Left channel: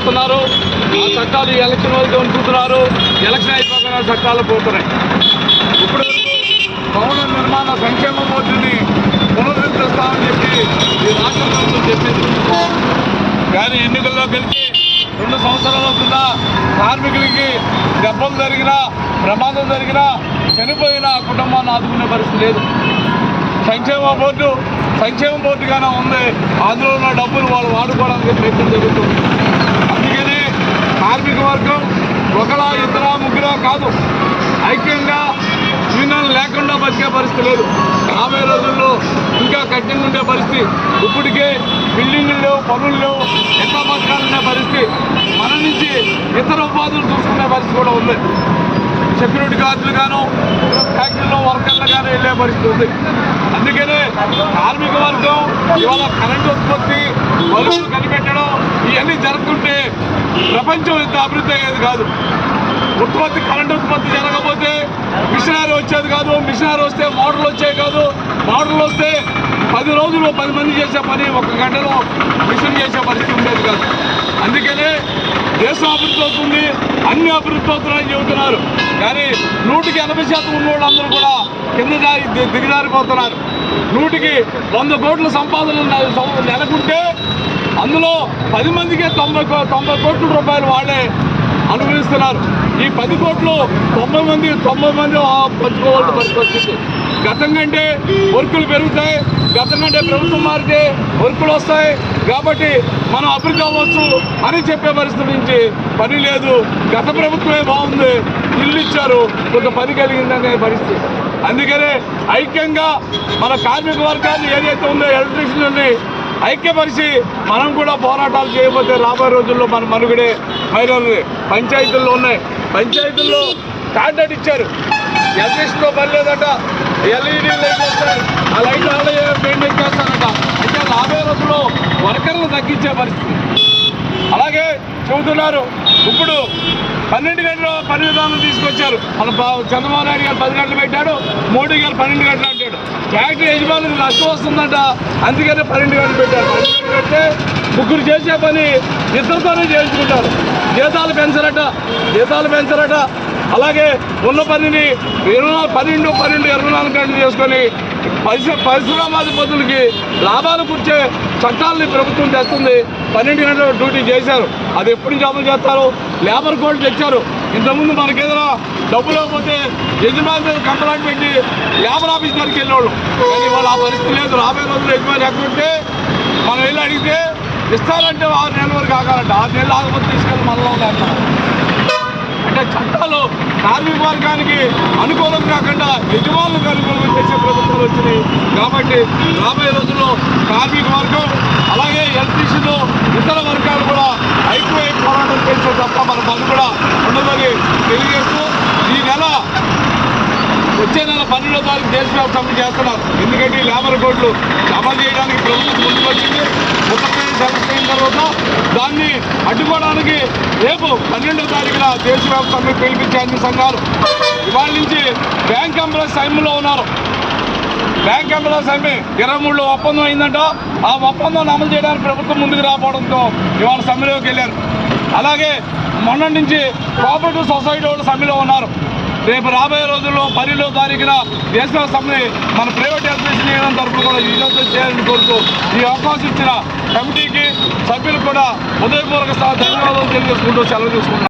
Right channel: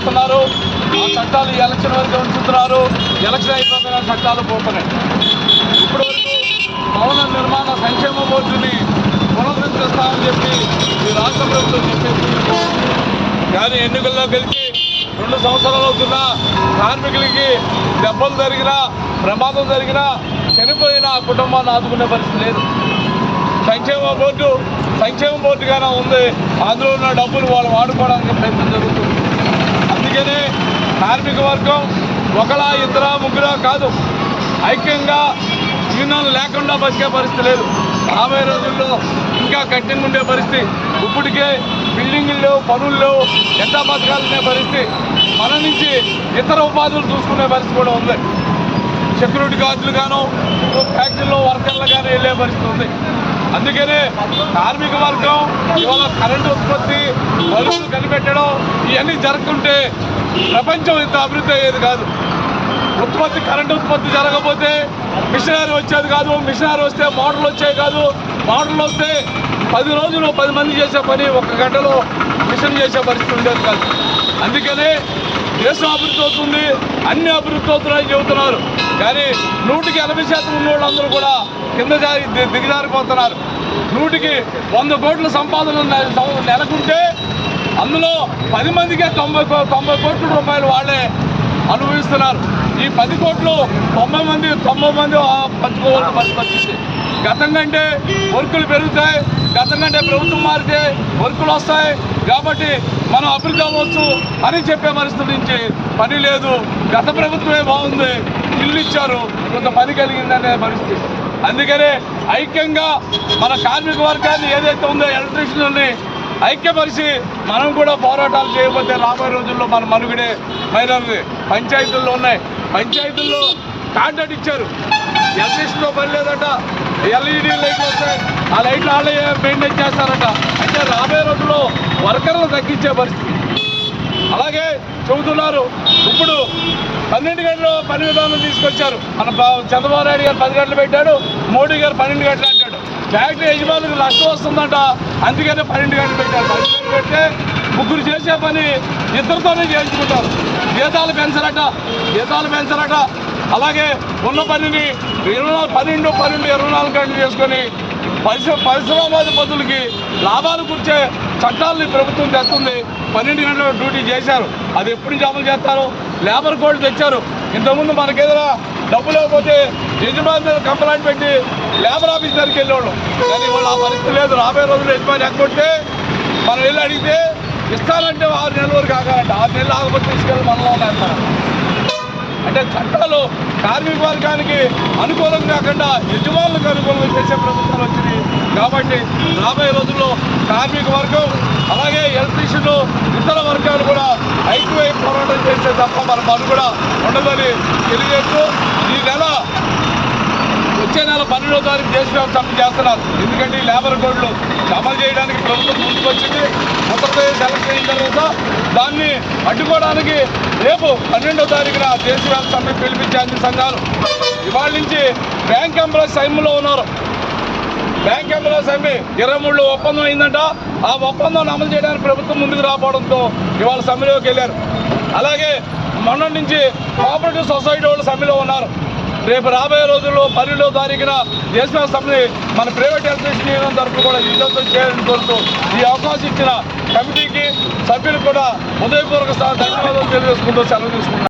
చేస్తున్నారు. ఆ చట్టాలు ఎలక్షన్ వరకు ఉంచుతున్నారు. ఎలక్షన్ అయిపోతున్న చట్టాలు పోతున్నాయి. ఇప్పుడు భవన నిర్మాణ సంక్షేమ బోర్డుని పునరుద్ధరిస్తామని చెప్పి ఈ రాష్ట్ర ప్రభుత్వం చెప్పింది. కానీ ఎన్నికల్లో గెలిచి రెండు సంవత్సరాలు అవుతున్నా కార్మికులకి దెబ్బలు జరిగినా ప్రమాదం జరిగినా చనిపోయిన ఆ కుటుంబాన్ని ఆదుకునే పరిస్థితి లేదు. సంక్షేమ బోర్డు సంక్షేమ బోర్డుగానే ఉంది. అందులో ఉన్న డబ్బులు వాళ్ళు వాడుకోవడానికి ప్రయత్నం జరుగుతుంది. లేదు. రాబోయే రోజుల్లో ఇంకా కఠినంగా ఉండే పరిస్థితి. ఇప్పటికే బిల్డింగ్లు లేవు పనులు లేవు ఎంత బతకాలనే పరిస్థితి. మన నుంచి ఇతర ఉపాధులు చూసుకునే పరిస్థితి కూడా ఉంది. సెక్యూరిటీ గార్డులు గాను ఫ్యాక్టరీలో వర్కర్లు కానీ వెళ్ళే పరిస్థితి ఉంది. అందుకనే కార్మిక వర్గం ఇవాళ కరెంటు ఉత్పత్తి వలసలు కనిపెట్టడం ఇవన్నీ జరుగుతుంటే ప్రపంచం ఇంత అభివృద్ధి అయ్యేది కాదు. ఉత్పత్తి కరెంటు ఉత్పత్తి జరగకపోతే మిషనరీ వచ్చేది కాదు మిషనరీ వస్తే మోటార్లు వచ్చేది కాదు. మోటార్లు వస్తే పది రోజులు పది మంది చేసే పని ఒక గంటలో మిషన్ చేసే పరిస్థితి ఉండేది కాదు. అందుకనే దేశం అభివృద్ధి అవుతుంది అన్ని అభివృద్ధి అవుతున్నాయని చెబుతున్నారు. కానీ నూటికి ఎనభై శాతం ఉన్న వాళ్ళందరూ కూడా కింద జారి దిగజారిపోతున్నారు. నూటికి వంద కోట్ల సంపాదన నె- నెలకుంటే అందులో పది మందికే తొంభై కో- తొంభై కోట్ల రూపాయలు వాళ్ళే అనుభవిస్తున్నారు. పది కోట్లు తొంభై మంది తొంభై మంది ఆ పంచుకోవాల్సిన పరిస్థితి వచ్చింది. గతం కంటే వర్కులు పెరుగుతాయి గతం కంటే ప్రభుత్వం మారితే వర్కులు వస్తాయి. కాబట్టి మనం అభివృద్ధి అవ్వచ్చు అని చెప్పే పరిస్థితి నుంచి పని లేదు. గత ప్రభుత్వమే బాగుంది ఇల్లు ఇచ్చారు ఒక పని కలిగిందనే పరిస్థితి. అందుకనే ఐక్యంగా మన కార్మిక వర్గాన్ని ఏదైతే ఉందో ఎలక్ట్రిషియన్ని ఐక్యపరిచి మనం కూడా పోరాటాలు చేయకపోతే రాబోయే రోజుల్లో మన మనుగడే మైనది పంచాయతీల్లో ఉన్నాయి. పంచాయతీల్లో కాంట్రాక్ట్ ఇచ్చారు. ఎలక్ట్రిసిటీలో పని లేదట ఎల్ఈడి లైట్లు వస్తాయి. ఆ లైట్లు వాళ్ళే మెయింటైన్ చేస్తారట. అంటే రాబోయే రోజుల్లో వర్కర్లు తగ్గించే పరిస్థితి. అలాగే చెబుతున్నారు. ఇప్పుడు పన్నెండు గంటలు పని విధానం తీసుకొచ్చారు. మన ప- చంద్రబాబు నాయుడు గారు పది గంటలు పెట్టాడు. మోడీ గారు పన్నెండు గంటలు అంటాడు. ఫ్యాక్టరీ యజమానులు నష్టం వస్తుందంట. అందుకనే పన్నెండు గంటలు పెట్టాడు పన్నెండు గంటలు ముగ్గురు చేసే పని ఇద్దరితోనే చేయించారు జీతాలు పెంచరట జీతాలు పెంచరట. అలాగే ఉన్న పనిని ఇరవై నాలుగు- పన్నెండు పన్నెండు ఇరవై నాలుగు గంటలు చేసుకొని పరిశ్ర పరిశ్రమాధిపతులకి లాభాలు కూర్చే చట్టాలని ప్రభుత్వం తెస్తుంది పన్నెండు గంటల డ్యూటీ చేశారు. అది ఎప్పుడు జాబులు చేస్తారు? లేబర్ కోడ్ తెచ్చారు. ఇంతకుముందు మనకి ఏదైనా డబ్బు లేకపోతే యజమాని మీద కంప్లైంట్ పెట్టి లేబర్ ఆఫీస్ దగ్గరికి వెళ్ళేవాళ్ళం. కానీ ఇవాళ ఆ పరిస్థితి లేదు. రాబోయే రోజులు యజమాని ఎక్కడుంటే మనం వెళ్ళి అడిగితే ఇస్తారంటే ఆరు నెలల వరకు కాకాలంటే ఆరు నెలలు ఆగిపోతే తీసుకెళ్ళి మనలో ఉన్నారు అంటే చట్టాలు కార్మిక వర్గానికి అనుకూలం కాకుండా యజమానులకు అనుకూలం చేసే ప్రభుత్వం వచ్చింది కాబట్టి రాబోయే రోజుల్లో కార్మిక వర్గం అలాగే ఎలక్ట్రీషియన్లు ఇతర వర్గాలు కూడా ఐక్య పోరాటం చేసే తప్ప మన పని కూడా పన్నెండో తారీఖు చేస్తున్నారు. ఎందుకంటే ఈ లేబర్ కోడ్లు అమలు చేయడానికి ప్రభుత్వం ముందుకొచ్చింది ఉత్తరప్రదేశ్ ఎలక్షన్ తర్వాత దాన్ని అడ్డుకోవడానికి రేపు పన్నెండో తారీఖున దేశవ్యాప్తంగా సమ్మె పిలిపించే అన్ని సంఘాలు ఇవాళ నుంచి బ్యాంక్ ఎంప్లాయీస్ సైమ్లో ఉన్నారు. బ్యాంక్ ఎంప్లాయీస్ సమ్మె ఇరవై మూడులో ఒప్పందం అయిందంట. ఆ ఒప్పందాన్ని అమలు చేయడానికి ప్రభుత్వం ముందుకు రాకపోవడంతో ఇవాళ సమ్మెలోకి వెళ్ళారు. అలాగే మొన్న నుంచి కోఆపరేటివ్ సొసైటీ వాళ్ళు సమ్మెలో ఉన్నారు. రేపు రాబోయే రోజుల్లో పన్నెండో తారీఖున దేశ సమ్మె మన ప్రైవేట్ ఎలక్ట్రిసిటీ తరఫున కూడా విజయవంతం చేయాలని కోరుతూ ఈ అవకాశం ఇచ్చిన కమిటీకి సభ్యులకు కూడా హృదయపూర్వక ధన్యవాదాలు తెలియజేసుకుంటూ సెలవు తీసుకుంటున్నాను